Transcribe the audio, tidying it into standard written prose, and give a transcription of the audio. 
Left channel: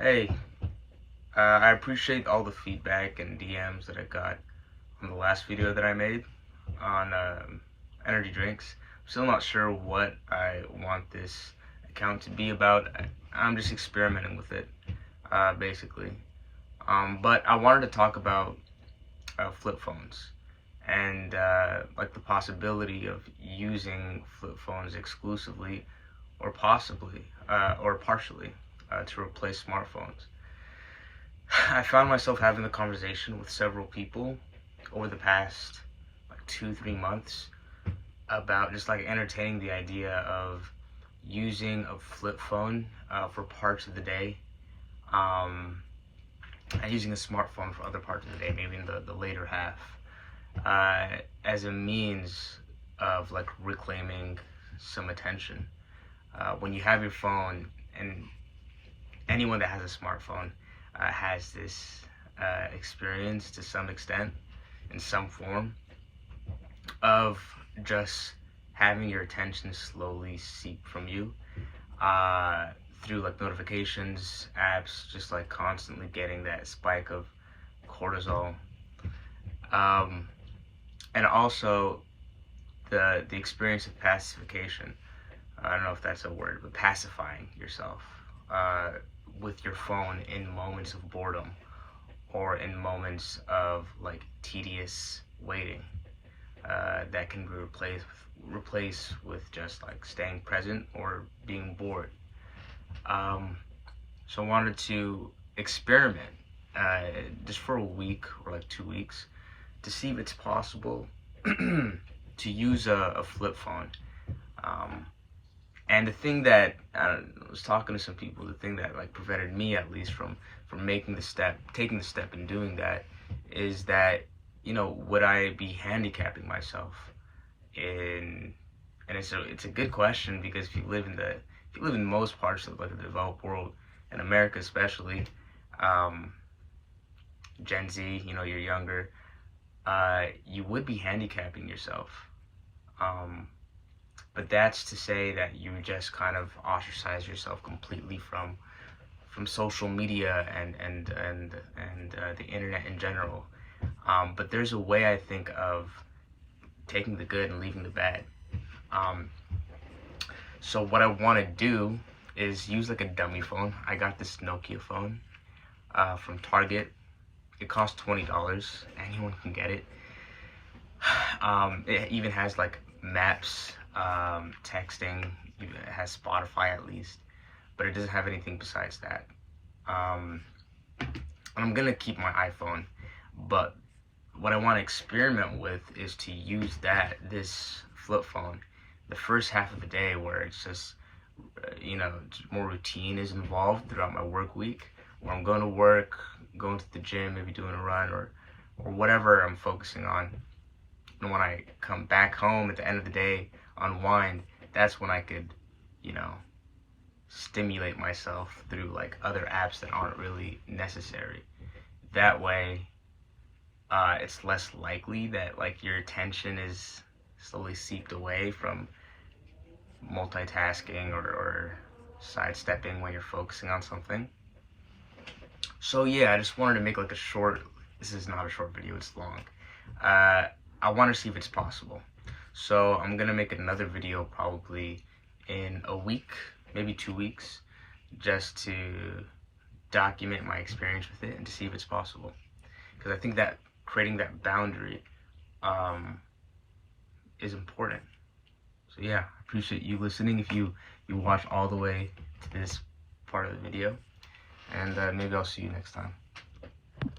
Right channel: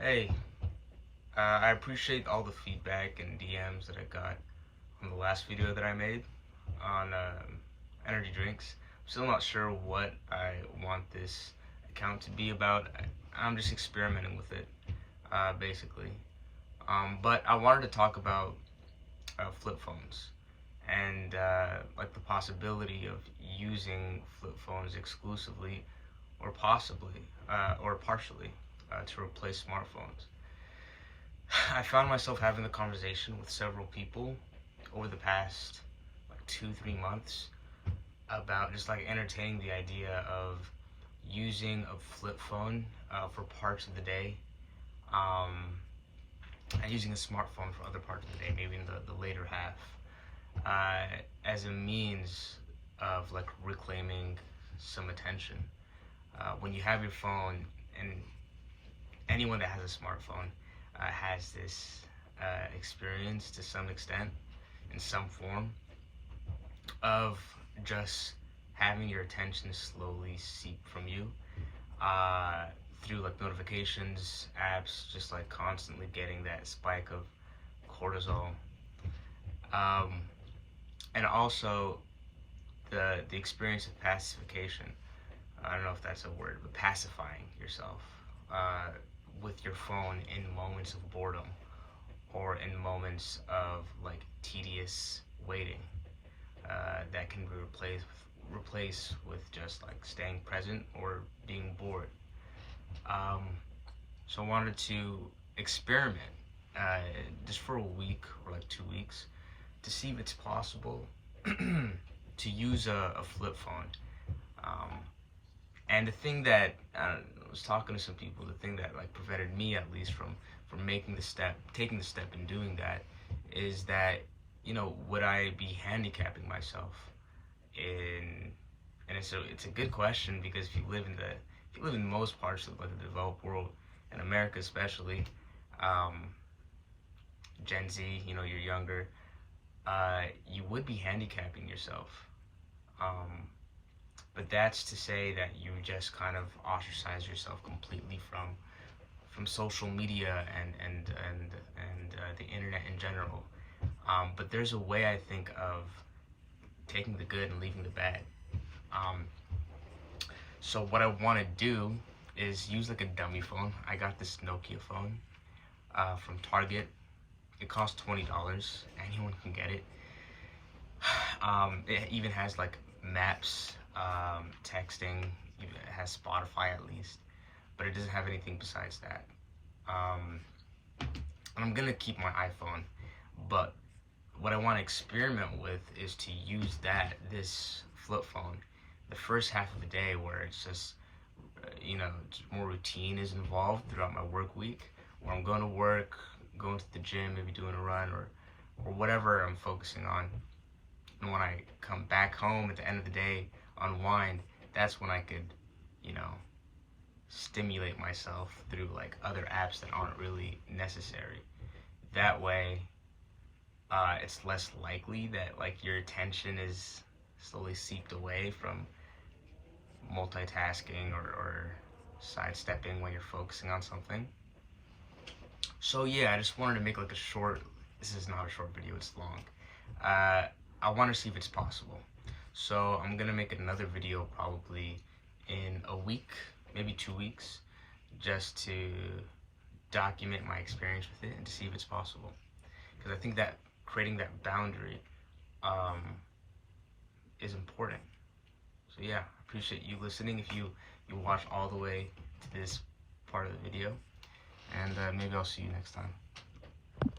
Hey, I appreciate all the feedback and DMs that I got from the last video that I made on energy drinks. I'm still not sure what I want this account to be about. I'm just experimenting with it, basically. But I wanted to talk about flip phones and like the possibility of using flip phones exclusively or possibly or partially to replace smartphones. I found myself having the conversation with several people over the past like 2-3 months about just like entertaining the idea of using a flip phone for parts of the day, um, and using a smartphone for other parts of the day, maybe in the later half, as a means of like reclaiming some attention. When you have your phone, and anyone that has a smartphone has this experience to some extent, in some form, of just having your attention slowly seep from you uh, through like notifications, apps, just like constantly getting that spike of cortisol, um, and also the experience of pacification. I don't know if that's a word, but pacifying yourself uh, with your phone in moments of boredom or in moments of like tedious waiting, that can be replaced with just like staying present or being bored. Um, so I wanted to experiment uh, just for a week or like 2 weeks to see if it's possible to use a flip phone. Um, and the thing that I was talking to some people, the thing that like prevented me at least from taking the step and doing that, is that, would I be handicapping myself in? And it's a good question, because if you live in most parts of like the developed world, in America especially, um, Gen Z, you're younger, you would be handicapping yourself. Um, but that's to say that you just kind of ostracize yourself completely from social media and the internet in general. But there's a way, I think, of taking the good and leaving the bad. Um, so what I want to do is use like a dummy phone. I got this Nokia phone from Target. It costs $20. Anyone can get it. It even has like maps, texting. It has Spotify at least, but it doesn't have anything besides that. And I'm gonna keep my iPhone, but what I want to experiment with is to use this flip phone the first half of the day, where it's just more routine is involved throughout my work week, where I'm going to work, going to the gym, maybe doing a run or whatever I'm focusing on. And when I come back home at the end of the day, unwind, that's when I could, you know, stimulate myself through like other apps that aren't really necessary. That way, it's less likely that like your attention is slowly seeped away from multitasking or sidestepping when you're focusing on something. So yeah, I just wanted to make like a short. This is not a short video; it's long. I want to see if it's possible. So I'm gonna make another video probably in a week, maybe 2 weeks, just to document my experience with it and to see if it's possible. Because I think that creating that boundary is important. So yeah, I appreciate you listening. If you watch all the way to this part of the video, and maybe I'll see you next time.